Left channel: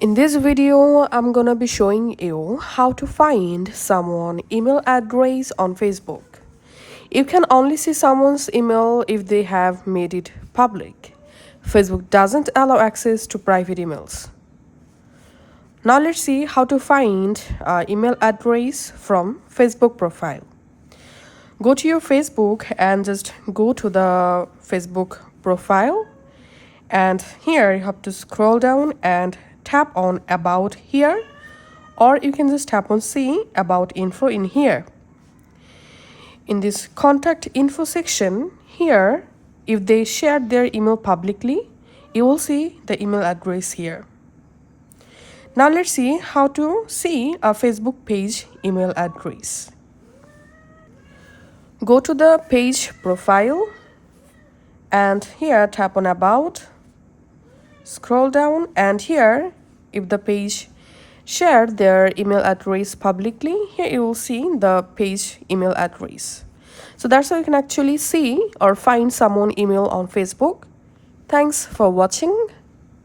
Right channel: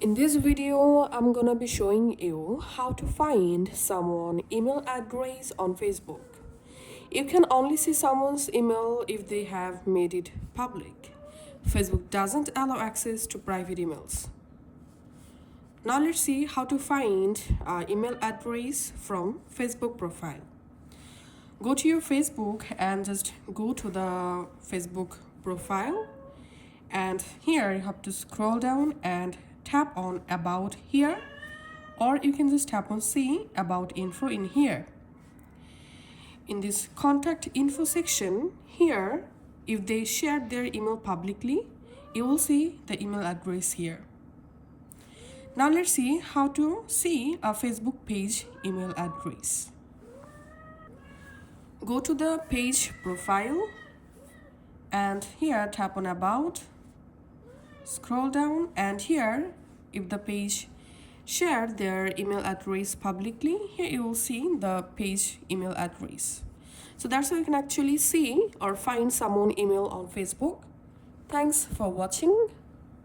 In this video, I'm gonna be showing you how to find someone's email address on Facebook. You can only see someone's email if they have made it public. Facebook doesn't allow access to private emails. Now let's see how to find email address from Facebook profile. Go to your Facebook and just go to the Facebook profile, and here you have to scroll down and tap on about here, or you can just tap on see about info in here. In this contact info section here, if they shared their email publicly, you will see the email address here. Now let's see how to see a Facebook page email address. Go to the page profile and here tap on about, scroll down, and here if the page shared their email address publicly, here you will see the page email address. So that's how you can actually see or find someone email on Facebook. Thanks for watching.